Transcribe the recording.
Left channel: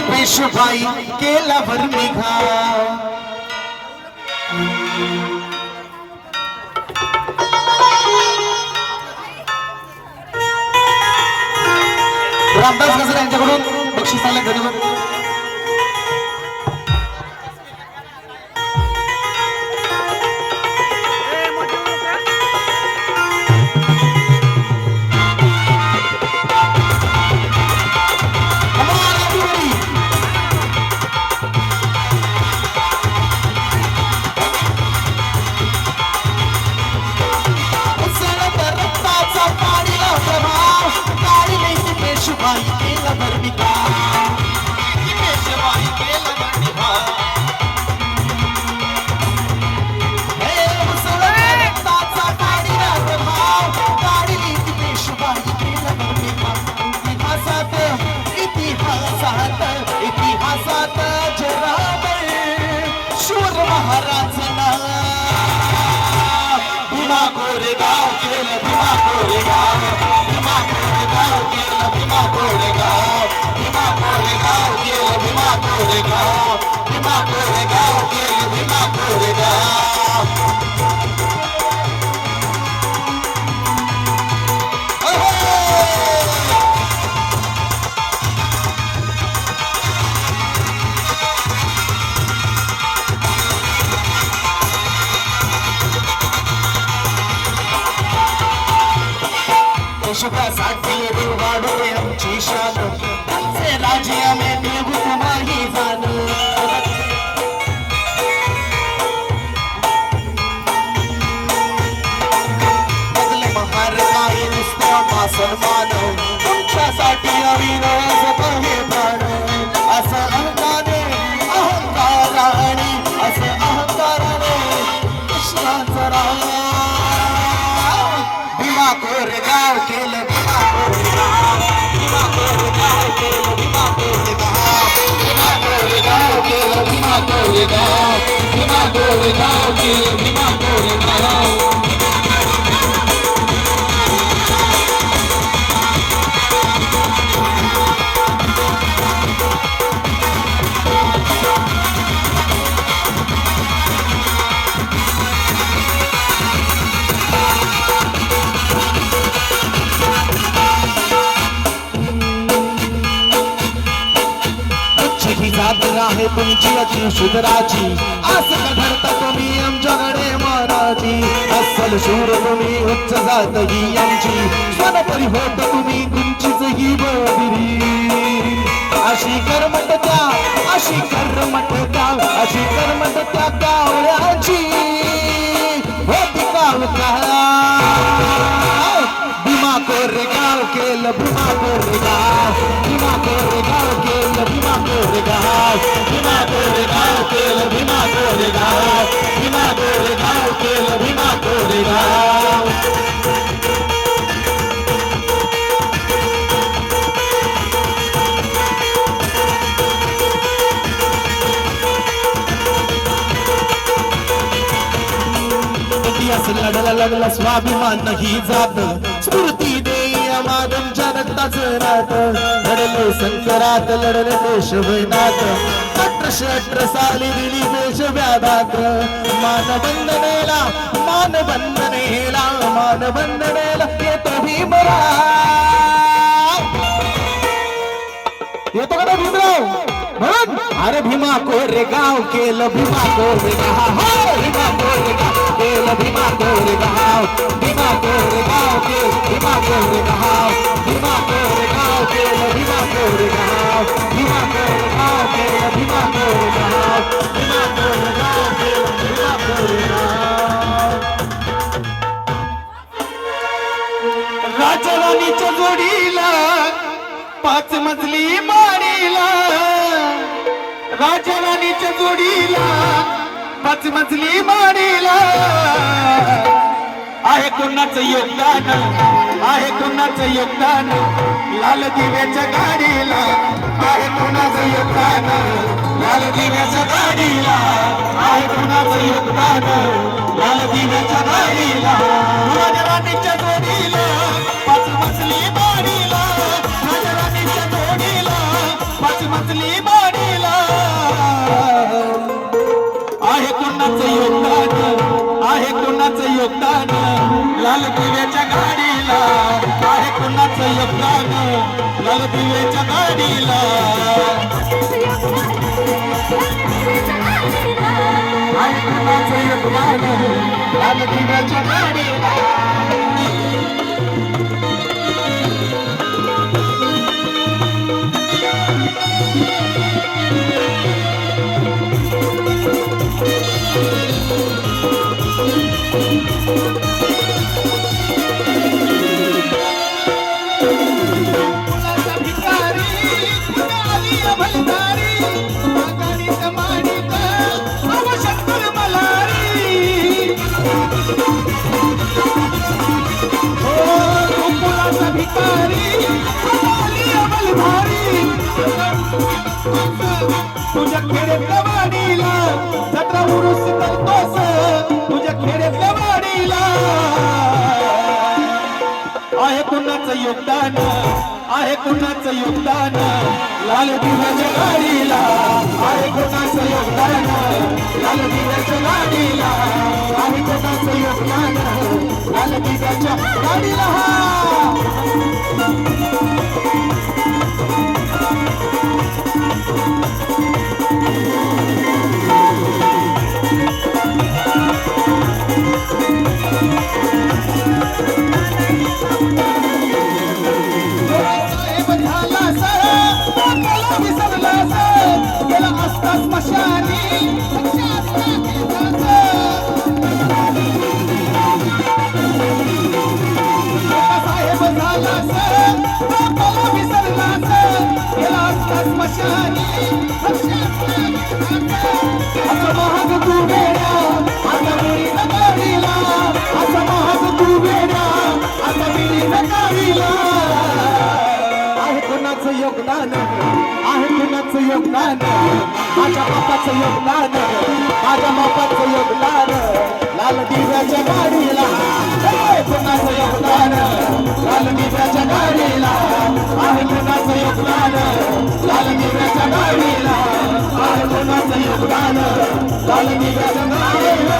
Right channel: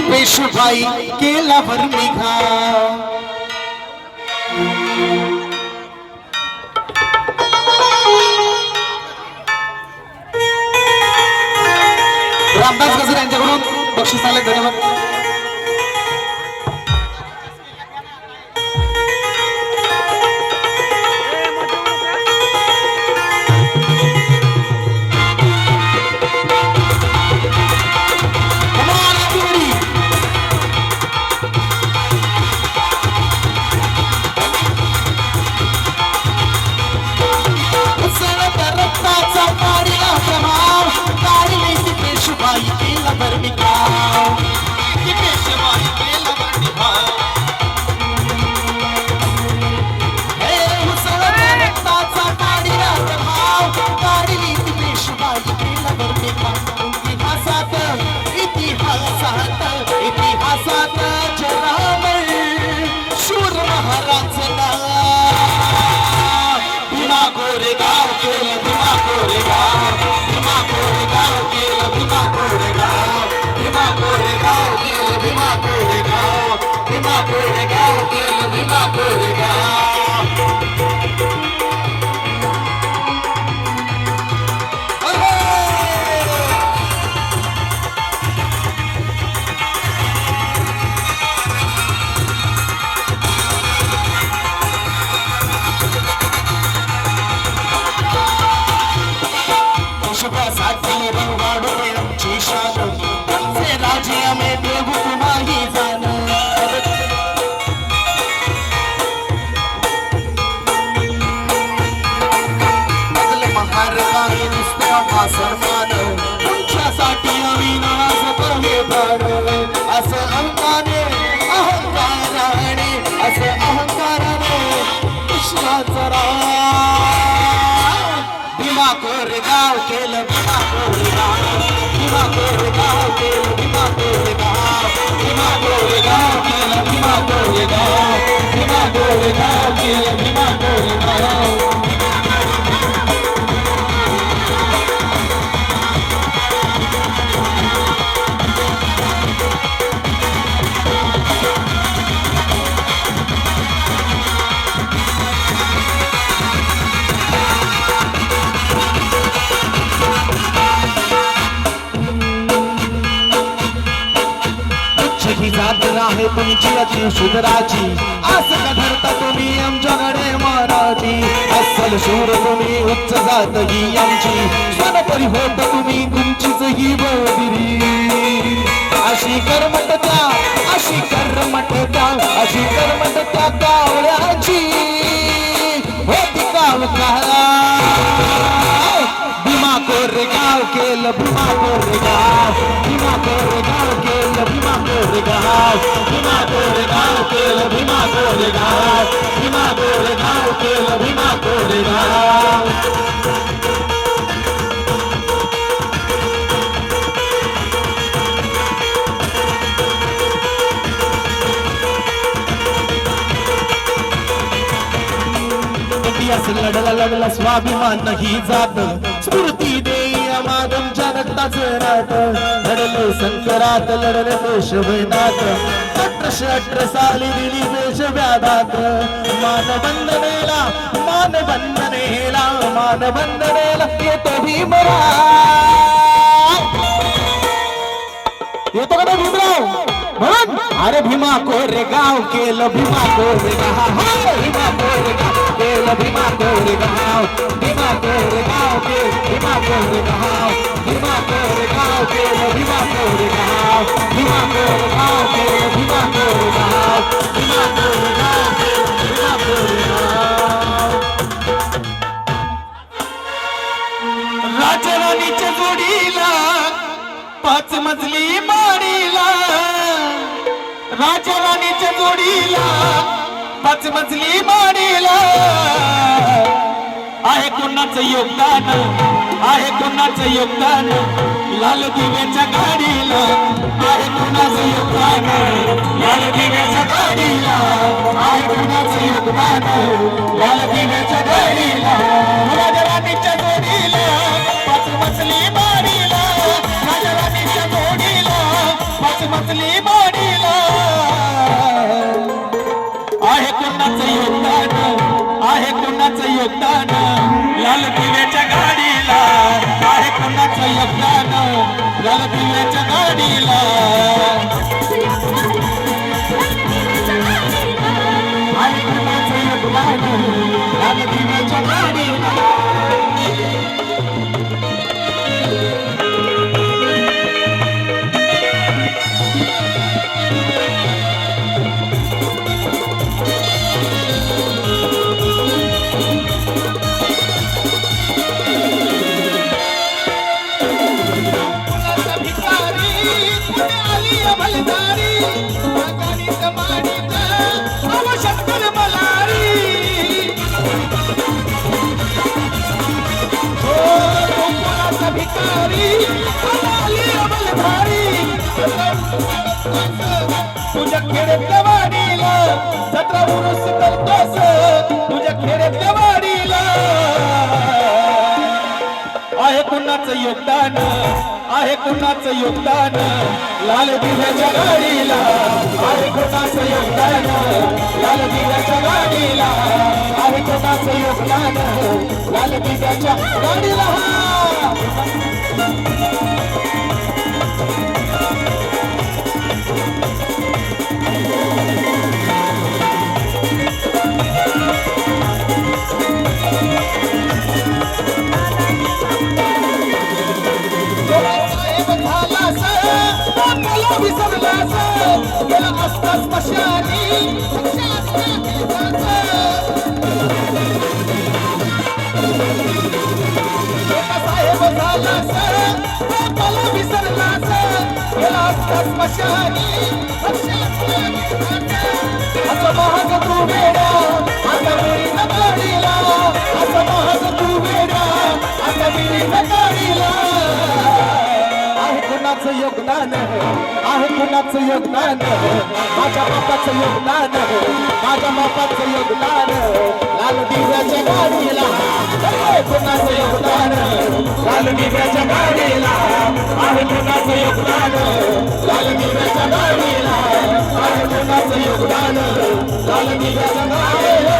पेशवाई केल्यावर निघा रामदास गजर यांच्याकडून बक्षीस आले धन्यवाद सन्मान तुमच्यासाठी हे प्राण असं अहंकाराने असं अहंकाराने विश्वाचा भीमा कोरेगाव केलं भीमा कोरेगाव भीमा कोरेगाव केलं भीमा कोरेगाव भीमा कोरेगाव केलं भीमा कोरेगाव भीमा कोरेगाव केलं भीमा कोरेगाव आहे तुमची अति सुधराची असं घडता तुम्ही आमच्याकडे महाराजी अस्सल शूर तुम्ही उच्च जात ही यांची सनपरी होत तुम्ही तुमचीच ही बदिरी अशी कर्मट त्या अशी कर्मट त्या अशी कर्मट त्या कावळ्याची होती कावका भीमा कोरेगाव केलं भीमा कोरेगाव भीमा कोरेगाव केलं भीमा कोरेगाव भीमा कोरेगाव केलं भीमा कोरेगाव भीमा कोरेगाव केलं भीमा कोरेगाव लढला लढला स्वाभिमान ही जात स्फूर्ती देई आम्हा रक्ताचे रात लढले संकरात लढले देश वैनात 1818 साली दिली देश व्याधात मानबंधनेला मानबंधनेला मानबंधनेला येतो भीमरा येतो का भीमराव म्हणून अरे भीमा कोरेगाव केलं भीमा कोरेगाव भीमा कोरेगाव केलं भीमा कोरेगाव भीमा कोरेगाव केलं भीमा कोरेगाव भीमा कोरेगाव केलं भीमा कोरेगाव भीमा कोरेगाव केलं भीमा कोरेगाव भीमा कोरेगाव केलं भीमा कोरेगाव राजराणीच्या जोडीला 5 मजली माडीला राजराणीच्या जोडीला 5 मजली माडीला आहे कोणाचं योगदान आहे कोणाचं योगदान लाल दिव्याच्या गाडीला आहे कोणाचं योगदान लाल दिव्याच्या गाडीला आहे कोणाचं योगदान लाल दिव्याच्या गाडीला राजराणीच्या जोडीला 5 मजली माडीला राजराणीच्या जोडीला 5 मजली कुणाचं योगदान लाल दिव्याच्या गाडीला आहे कुणाचं योगदान लाल दिव्याच्या गाडीला तुझ्या खेड्यातल्या वाडीला जत्रा उरूस करतोस तुझ्या खेड्यातल्या वाडीला आहे कुणाचं योगदान आहे कुणाचं योगदान लाल दिव्याच्या गाडीला आहे कुणाचं योगदान लाल दिव्याच्या गाडीला आहे कुणाचं योगदान लाल दिव्याच्या गाडीला योगदान आहे कुणाचं योगदान माझ्या बापाचं योगदान माझ्या बापाचं योगदान लाल दिव्याच्या गाडीला कुणाचं योगदान लाल दिव्याच्या गाडीला आहे कुणाचं योगदान लाल दिव्याच्या गाडीला आहे कुणाचं योगदान लाल दिव्याच्या गाडीला